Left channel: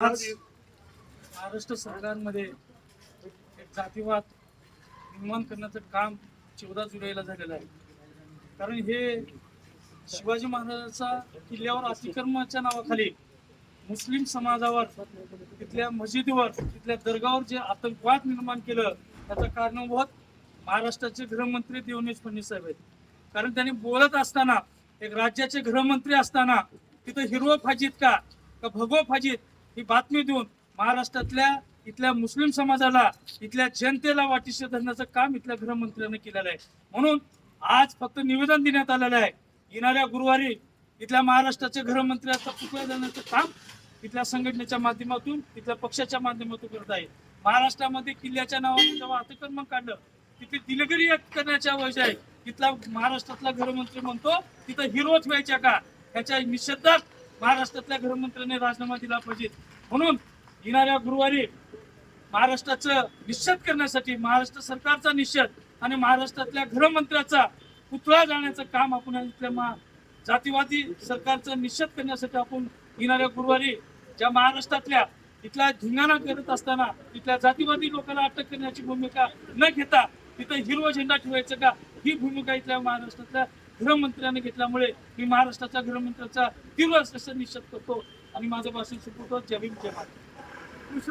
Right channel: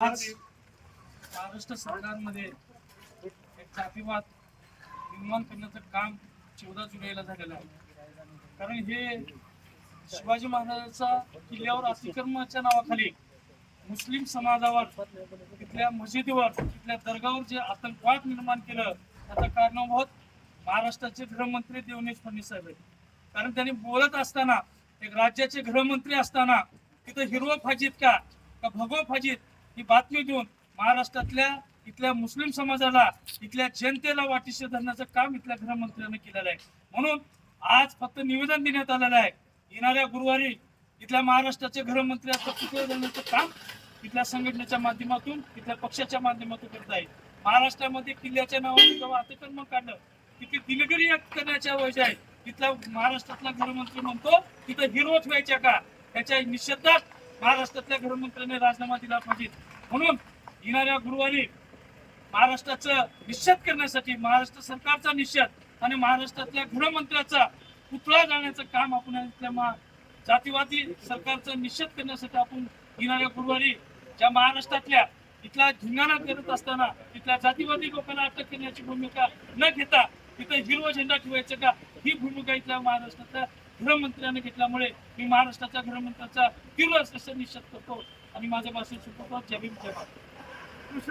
आज महाराष्ट्र सरकारमध्ये एक जातीवाद निर्माण करण्याचं काम 14 जुलैला झालेलं आहे. कारण हे शिवाजी महाराजांचा किल्ल्यावर अतिक्रमणाच्या नावाखाली मुस्लिम समाजावर, तिथल्या मशिदीवर, तिथल्या दर्गावर जे आतंकवाद निर्माण केलं त्याचा कारणीभूत महाराष्ट्राचे गृहमंत्री देवेंद्र फडणवीस साहेब आहेत. कारण त्यांनी बोलत असताना, एक राज्याचे गृहमंत्री असताना तिथं हिरवं फाजीत का भगवं फाजीत ही बातमी देऊन महाराष्ट्रातल्या इथल्या मुस्लिम समाजाला, इथल्या जनतेला वाटिशी धरण्याचं काम इथल्या गृहमंत्र्यांनी केलेलं आहे. म्हणून आज फक्त निवेदन देण्यात आलेलं आहे. येणाऱ्या गुरुवारी इथल्या महाराष्ट्राचे गृहमंत्र्यांचं पुतळा देण्याचं काम इथल्या संघटनेच्या माध्यमातून, इथल्या पक्षाच्या माध्यमातून करत आहे. महाराष्ट्रामध्ये किल्ल्याच्या नावाने जेव्हा अतिक्रमण काढलं, तिथे दिलगिरी करण्याच्या वजह आहे. तिथला महाराष्ट्रातला गृहमंत्री म्हणतो तिथं हिरो ठेवायच्या का, त्याच्या निषेधात महाराष्ट्रातल्या गृहमंत्र्यांनी राजीनामा दिला पाहिजे. म्हणून येणाऱ्या गुरुवारी महाराष्ट्राचं निषेध करण्यासाठी, महाराष्ट्र सरकारचा निषेध आणि महाराष्ट्रातल्या गृहमंत्र्याचा पुतळा जाण्याचं काम आपण इथल्या जातीवादी सरकारचा निषेध करण्यासाठी आपण येणाऱ्या गुरुवारी ज्या महाराष्ट्रातल्या इथला धिंगाणा करत असताना तिथल्या जातीवादी लोकांना अटक करण्याची भूमिका न घेता तिथं हिरवा झेंडा ठेवायचं का, ही भूमिका इथल्या महाराष्ट्रातल्या गृहमंत्र्यांनी घेतल्यामुळे मी महाराष्ट्राच्या गृहमंत्र्याचा तीव्र निषेध करतो आणि माझं भाषण सुरू करतो. जय भीम, जय महाराष्ट्र.